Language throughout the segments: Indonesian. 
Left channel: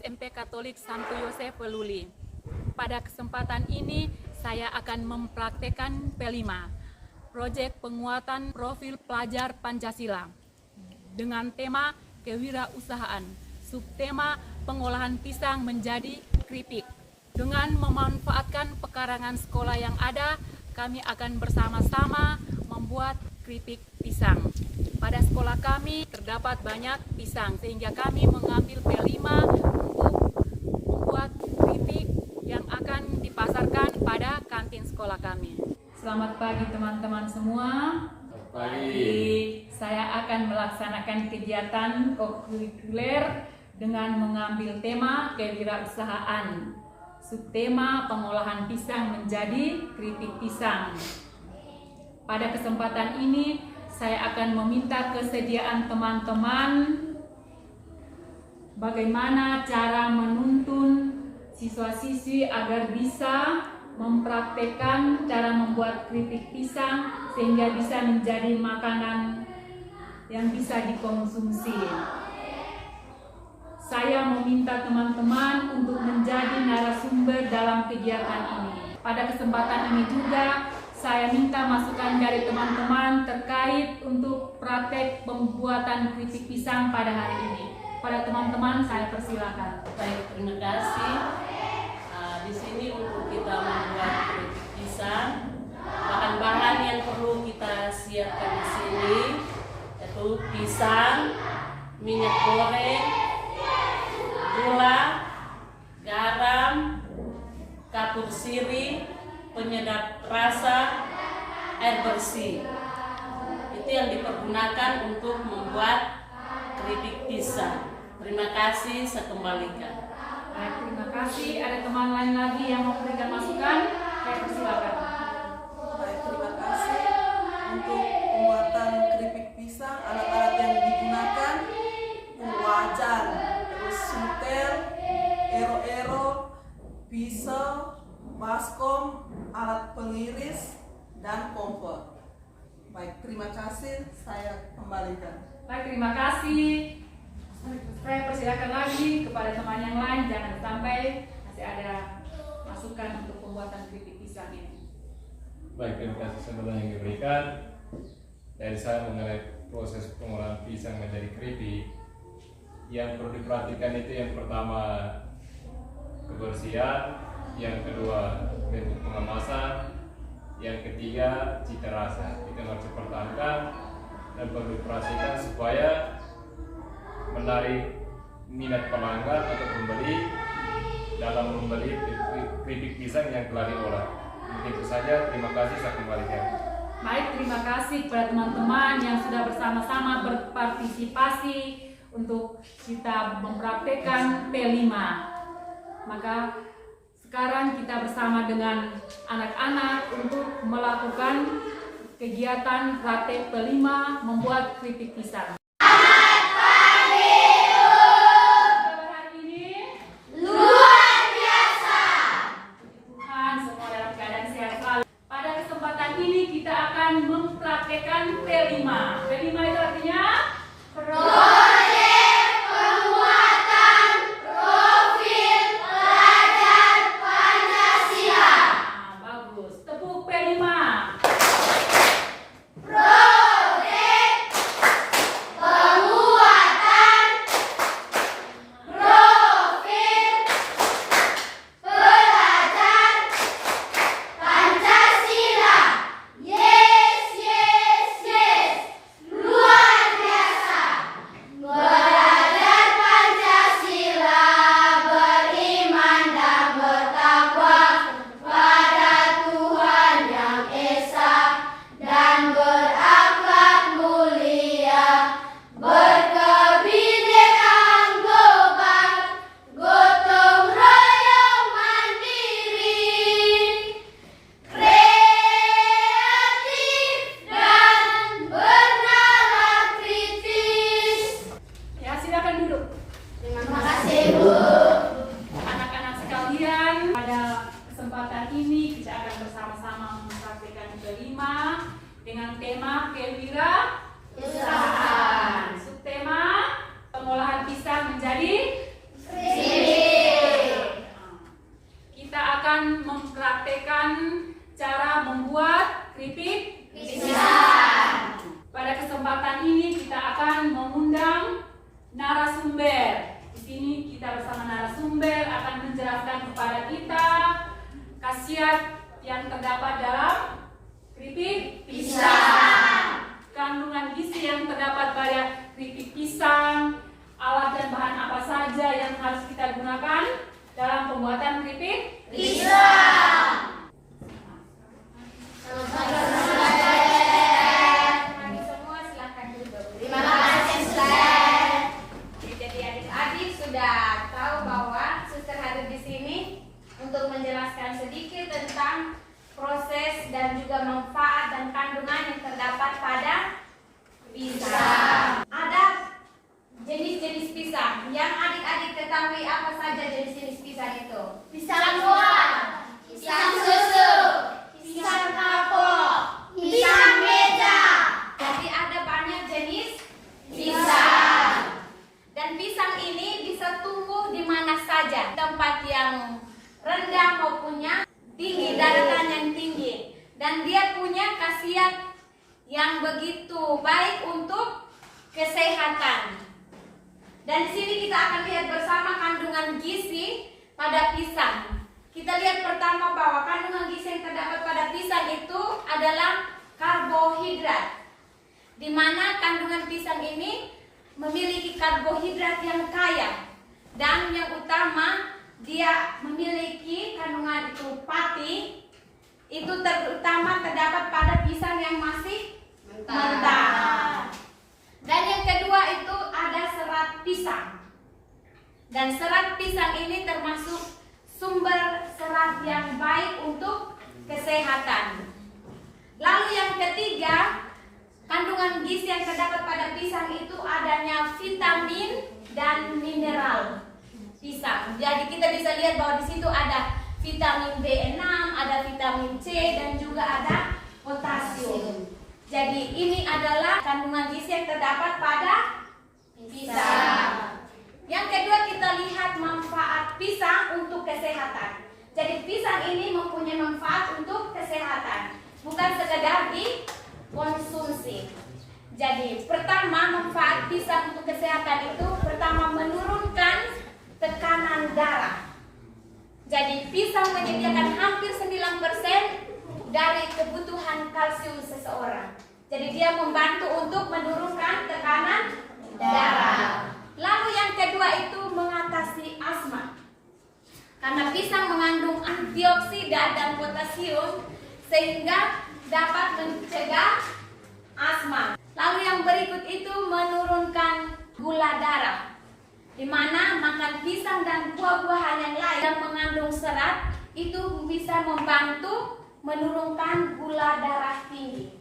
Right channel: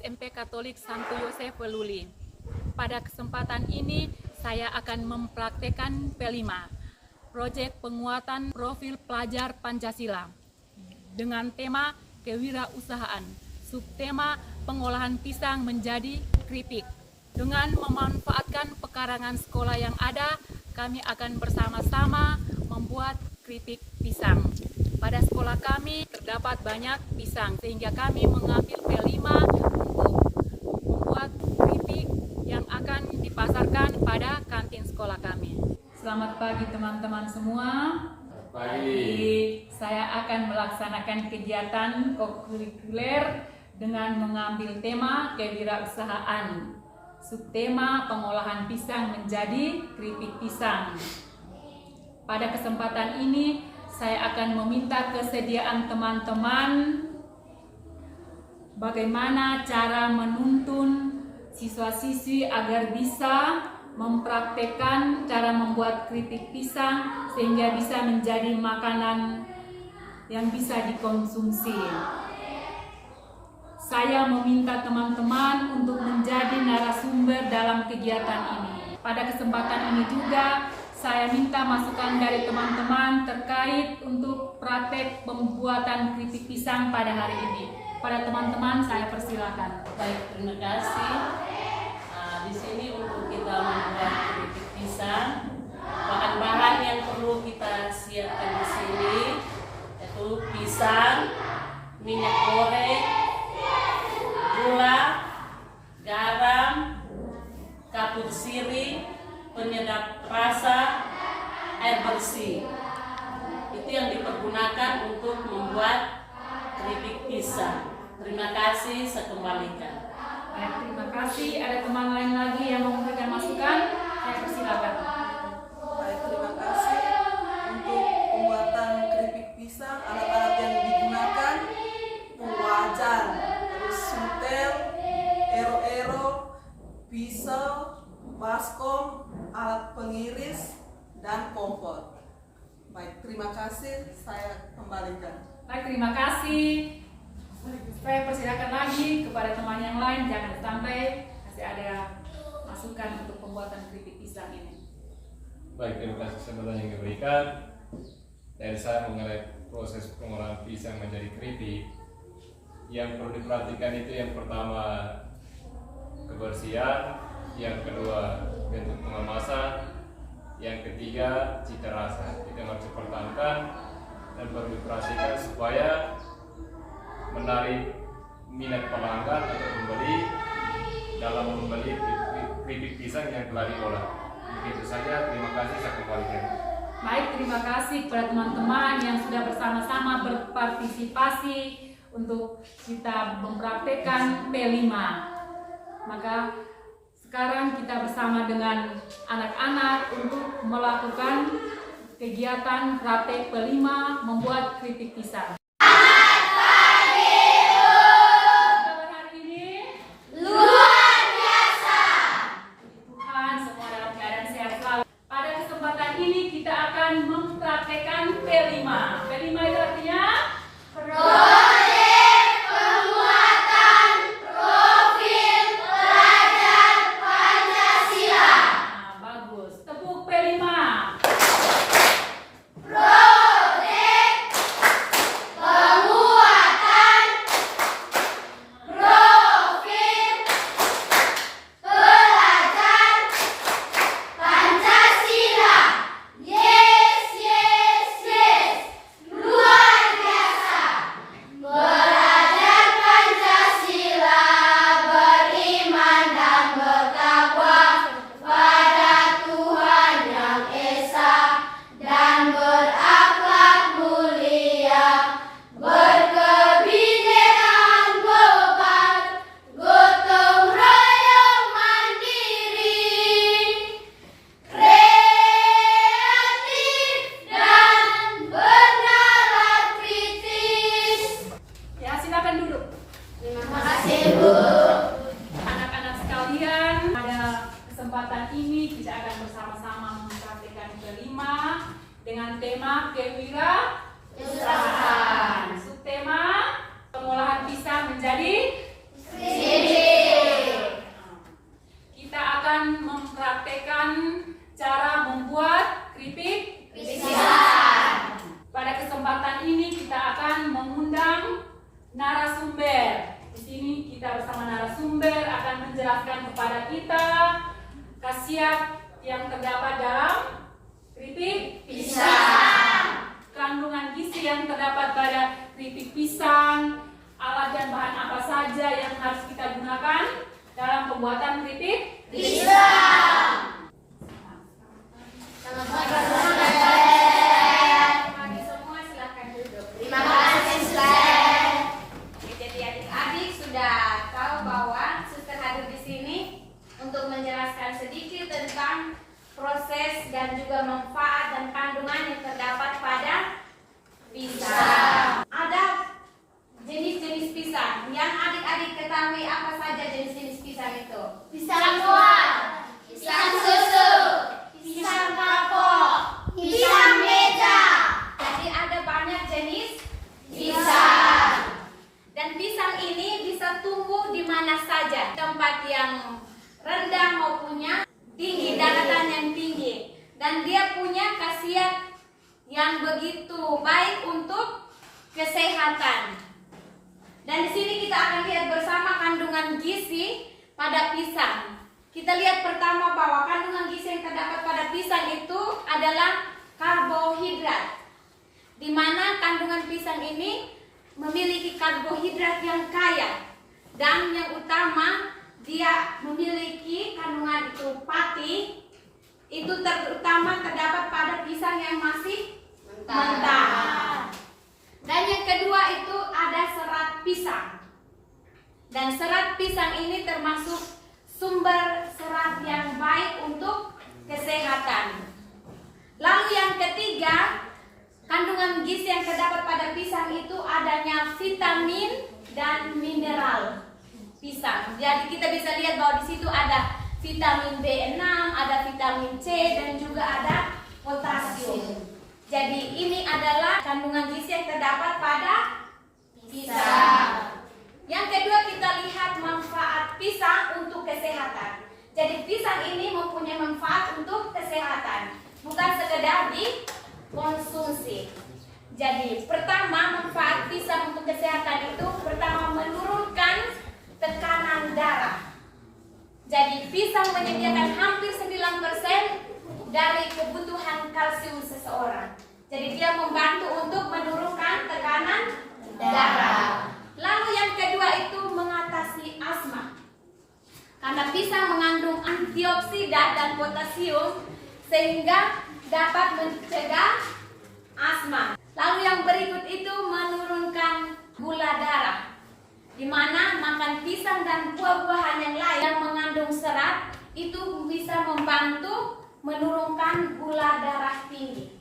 SMP Katolik Santo Yosef Peluli. Pada kesempatan ini saya akan mempraktekkan P5, proyek penguatan profil pelajar Pancasila dengan tema kewirausahaan, subtema pengolahan pisang menjadi keripik. Dengan memanfaatkan pekarangan sekolah yang ada, kami akan bersama-sama membuat keripik pisang. Pada sekolah kami terdapat banyak pisang, sehingga kami mengambil P5 untuk membuat keripik yang akan dipasarkan pada kantin sekolah kami. Selamat pagi teman-teman semua. Pagi. Saya akan melaksanakan kegiatan kokurikuler dengan mengambil tema kewirausahaan, subtema pengolahan pisang menjadi keripik pisang. Pada kesempatan ini saya akan meminta kesediaan teman-teman bagaimana cara menuntun siswa-siswi agar bisa mempraktekkan cara membuat keripik pisang sehingga bisa menjadi makanan yang bisa dikonsumsi. Saya meminta teman-teman untuk menjadi narasumber dalam kegiatan ini. Pada kesempatan ini juga saya minta masukan dari teman-teman terkait untuk praktek pembuatan keripik pisang pada hari ini. Pada teman-teman saya persilakan. Baik, terima kasih. Di sini untuk kita membuat keripik pisang, bahan-bahan yang perlu kita siapkan di sini yaitu pisang, minyak goreng, gula, garam, kapur sirih, penyedap rasa, air bersih. Itu yang dipergunakan untuk membuat keripik pisang. Terima kasih, saya kembalikan. Baik, terima kasih. Ada teman lain lagi yang mau memberikan masukan? Saya persilakan. Baik, terima kasih. Untuk pembuatan keripik pisang, alat-alat yang digunakan itu wajan, terus sutel, ero-ero, pisau, baskom, alat pengiris, dan kompor. Baik, terima kasih. Saya kembalikan. Baik, terima kasih. Saya persilakan lagi kepada teman yang lain, jangan sampai masih ada masukan untuk pembuatan keripik pisang ini. Baik, terima kasih sebelumnya yang diberikan. Dari saya mengenai proses pengolahan pisang menjadi keripik, yang perlu diperhatikan itu yang pertama kebersihan, yang kedua bentuk pengemasan, yang ketiga cita rasa. Itu yang harus dipertahankan dan perlu diperhatikan supaya menarik minat pelanggan atau pembeli dalam membeli keripik pisang yang telah diolah. Begitu saja, terima kasih, saya kembalikan. Baik, terima kasih kepada teman-teman yang sudah bersama-sama berpartisipasi untuk kita mempraktekkan P5. Maka sekarang kita bersama dengan anak-anak untuk melakukan kegiatan praktek P5 membuat keripik pisang. Mempraktekkan P5. P5 itu artinya proyek penguatan profil pelajar Pancasila. Bagus. Tepuk P5. Proyek narasumber akan menjelaskan kepada kita khasiat yang terdapat dalam keripik pisang, kandungan gizi yang terdapat pada keripik pisang, alat dan bahan apa saja yang harus kita gunakan dalam pembuatan keripik Pisang. Teman-teman semua silakan duduk. Terima kasih, Suster. Oke, jadi adik-adik sudah tahu bahwa Suster hadir di sini untuk menjelaskan sedikit tentang proses dan juga manfaat dan kandungan yang terdapat pada pisang. Ada jenis-jenis pisang. Yang adik-adik ketahui apa saja jenis-jenis pisang itu? Pisang buah, pisang susu, pisang kapok, pisang meja. Jadi ada banyak jenis pisang. Dan pisang ini bisa tumbuh di mana saja, tempat yang rendah maupunnya tinggi, daratan yang tinggi. Dan dia punya khasiat yang begitu baik untuk kesehatan. Dan di sini kita akan lihat bersama kandungan gizi pada pisang. Kita lihat pertama bahwa kandungan gizi yang terdapat pada pisang itu adalah karbohidrat. Di mana kandungan pisang ini memiliki karbohidrat yang kaya. Dan yang utama dia memiliki kandungan itu pati. Itu terutama terdapat pada pisang yang masih mentah. Dan yang kedua itu ada serat pisang. Dan serat pisang ini termasuk sumber serat yang baik untuk kesehatan. Lalu yang ketiga, kandungan gizi yang terdapat pada pisang itu adanya vitamin dan mineral pisang. Jadi kita bisa lihat bahwa di situ ada vitamin B6, ada vitamin C, dan juga ada potasium. Jadi ini adalah kandungan gizi yang terdapat pada pisang. Yang kedua kita lihat manfaat pisang untuk kesehatan. Jadi pisang ini mempunyai manfaat untuk kesehatan, bukan sekedar dikonsumsi. Jadi pertama manfaat pisang untuk kesehatan itu pertama menurunkan tekanan darah. Jadi pisang menyediakan hampir 9% dari kebutuhan kalsium seseorang. Jadi dia membantu untuk menurunkan tekanan darah. Lalu yang kedua itu mengatasi asma. Karena pisang mengandung antioksidan dan potasium sehingga dapat mencegah asma. Lalu yang berikut itu menurunkan gula darah. Di mana makan pisang dan buah-buahan yang lain yang mengandung serat itu bisa membantu menurunkan gula darah tinggi.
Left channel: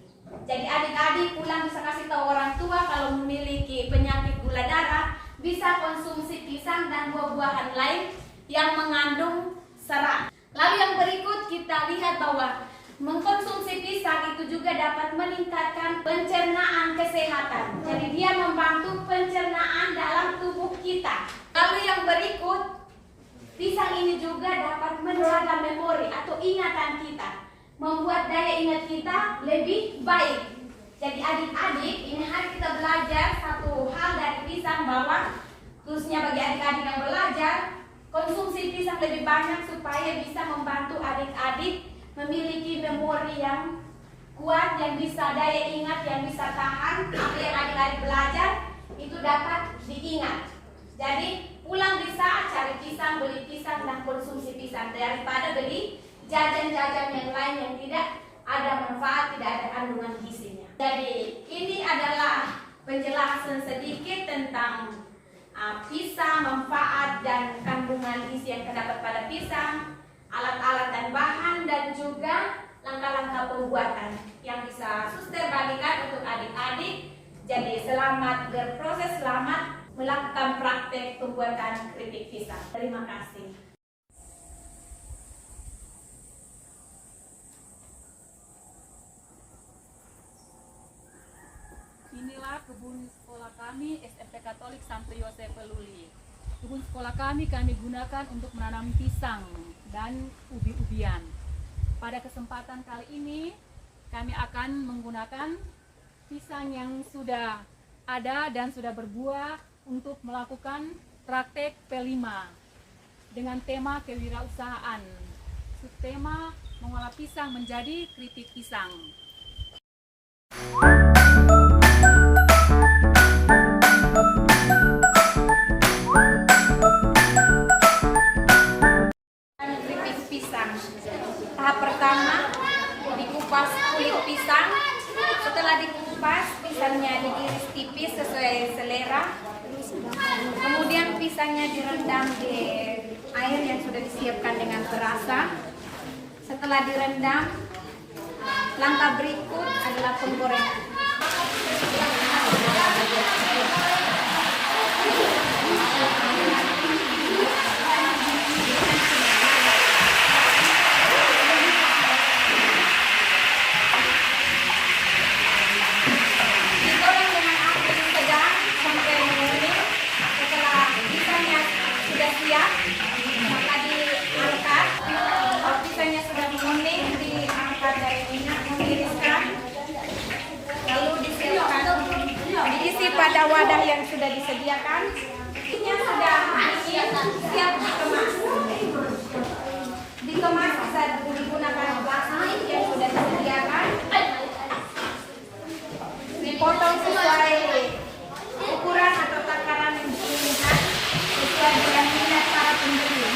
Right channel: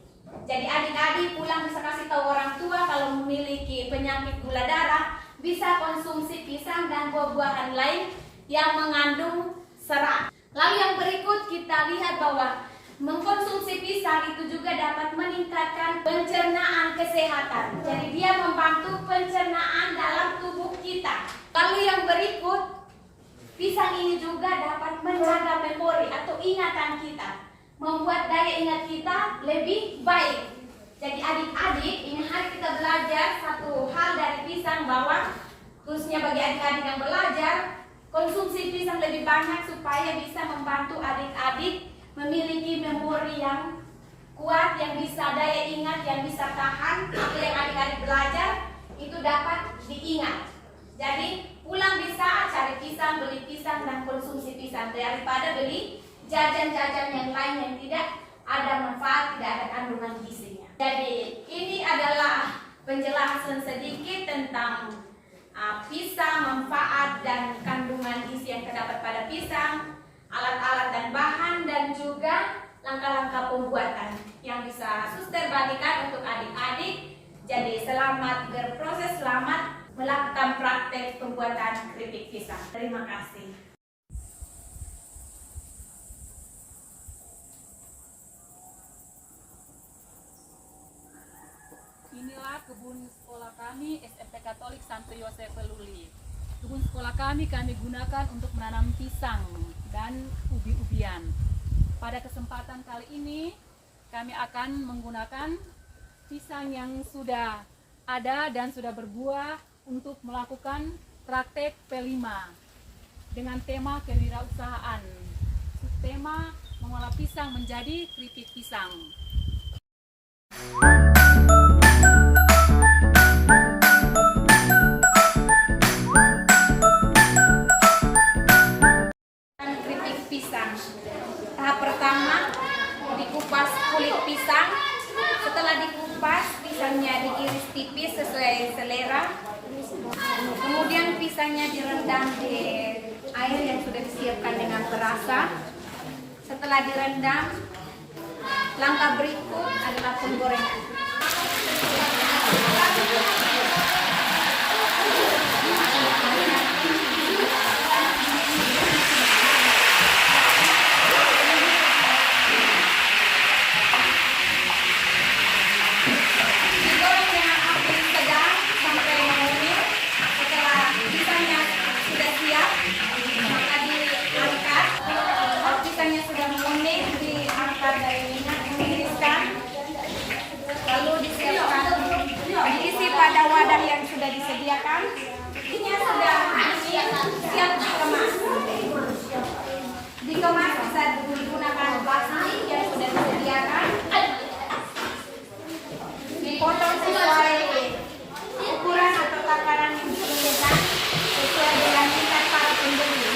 Jadi adik-adik pulang bisa kasih tahu orang tua kalau memiliki penyakit gula darah bisa konsumsi pisang dan buah-buahan lain yang mengandung serat. Lalu yang berikut kita lihat bahwa mengkonsumsi pisang itu juga dapat meningkatkan pencernaan kesehatan. Jadi dia membantu pencernaan dalam tubuh kita. Lalu yang berikut, pisang ini juga dapat menjaga memori atau ingatan kita, membuat daya ingat kita lebih baik. Jadi adik-adik, ini hari kita belajar satu hal dari pisang bahwa khususnya bagi adik-adik yang belajar, konsumsi pisang lebih banyak supaya bisa membantu adik-adik memiliki memori yang kuat, yang bisa daya ingat, yang bisa tahan. Apa yang adik-adik belajar itu dapat diingat. Jadi pulang bisa cari pisang, beli pisang dan konsumsi pisang daripada beli jajan-jajan yang lain yang tidak ada manfaat, tidak ada kandungan gizinya. Jadi ini adalah penjelasan sedikit tentang pisang, manfaat dan kandungan gizi yang terdapat pada pisang, alat-alat dan bahan, dan juga langkah-langkah pembuatan yang bisa suster bagikan untuk adik-adik. Jadi selamat berproses, selamat melakukan praktek pembuatan keripik pisang. Terima kasih. Inilah kebun sekolah kami SMP Katolik Santo Yosef Peluli. Kebun sekolah kami gunakan untuk menanam pisang dan ubi-ubian. Pada kesempatan kali ini kami akan menggunakan pisang yang sudah ada dan sudah berbuah untuk melakukan praktek P5. dengan tema kewirausahaan. Subtema mengolah pisang menjadi keripik pisang. Keripik pisang. Tahap pertama, dikupas kulit pisang. Setelah dikupas, pisangnya diiris tipis sesuai selera. Kemudian pisangnya direndam di air yang sudah disiapkan dengan perasan. Setelah direndam, langkah berikut adalah penggorengan. Digoreng dengan api sedang sampai menguning. Setelah pisangnya sudah siap, maka diangkat. Kalau pisangnya sudah menguning, diangkat dari minyak, ditiriskan, lalu disiapkan, diisi pada wadah yang sudah disediakan. Ini sudah siap dikemas. Dikemas bisa digunakan plastik yang sudah disediakan. Dipotong sesuai ukuran atau takaran yang diinginkan sesuai dengan minat para pembeli.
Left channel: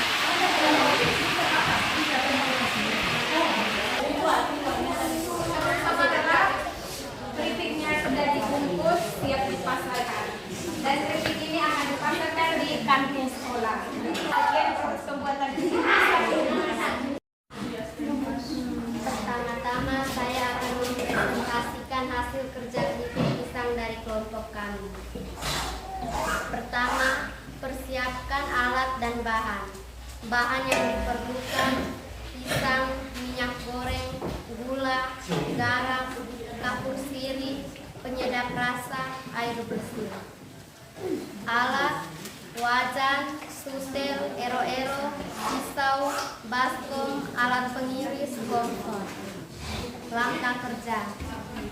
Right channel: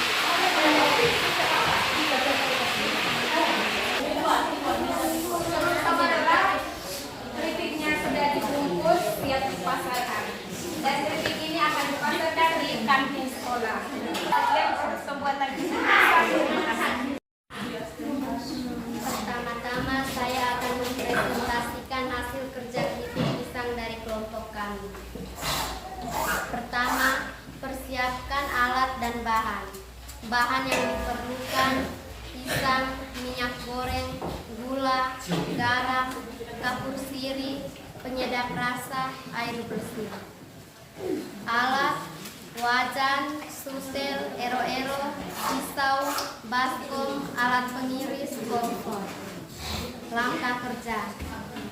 Setelah keripiknya sudah dibungkus, siap dipasarkan. Dan keripik ini akan dipasarkan di kantin sekolah. Proses pembuatan keripik pisang. Pertama-tama saya akan mempresentasikan hasil kerja keripik pisang dari kelompok kami. Pertama, persiapkan alat dan bahan. Bahan yang diperlukan: pisang, minyak goreng, gula, garam, kapur sirih, penyedap rasa, air bersih. Alat: wajan, sutel, ero-ero, pisau, baskom, alat pengiris, kompor. Langkah kerja:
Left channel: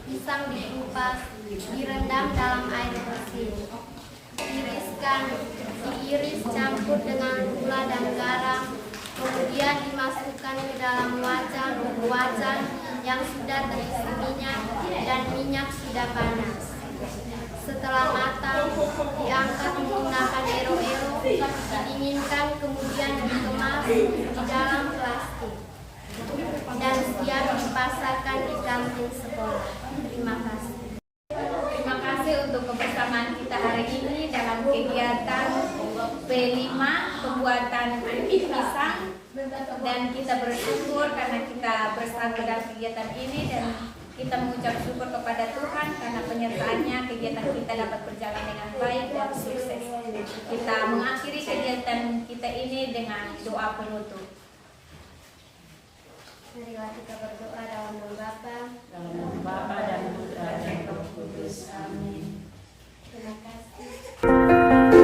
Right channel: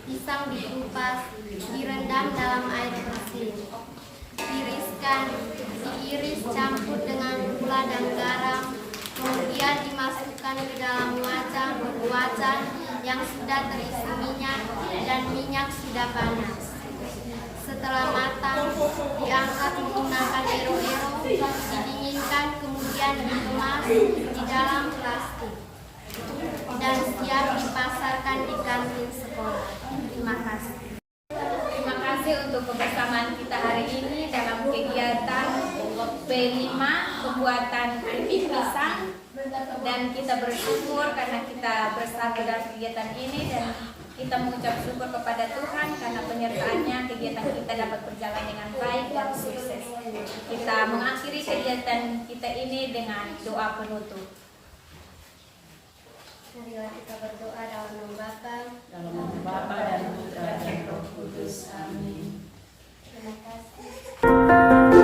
pisang dikupas, direndam dalam air bersih, tiriskan, diiris campur dengan gula dan garam, kemudian dimasukkan ke dalam wajan yang sudah terisi minyak dan minyak sudah panas. Setelah matang, diangkat menggunakan ero-ero, didinginkan, kemudian dikemas di dalam plastik dan siap dipasarkan di kantin sekolah. Terima kasih. Terima kasih untuk kebersamaan kita hari ini dalam kegiatan P5 pembuatan keripik pisang, dan kita bersyukur karena kita bersatu dalam kegiatan ini, dan kita mengucap syukur kepada Tuhan karena penyertaannya kegiatan kita dapat berjalan dengan baik dan sukses. Kita mengakhiri kegiatan kita ini dengan doa penutup. Marilah kita berdoa dalam nama Bapa, Dalam nama Bapa dan Putra dan Roh Kudus. Amin. terima kasih.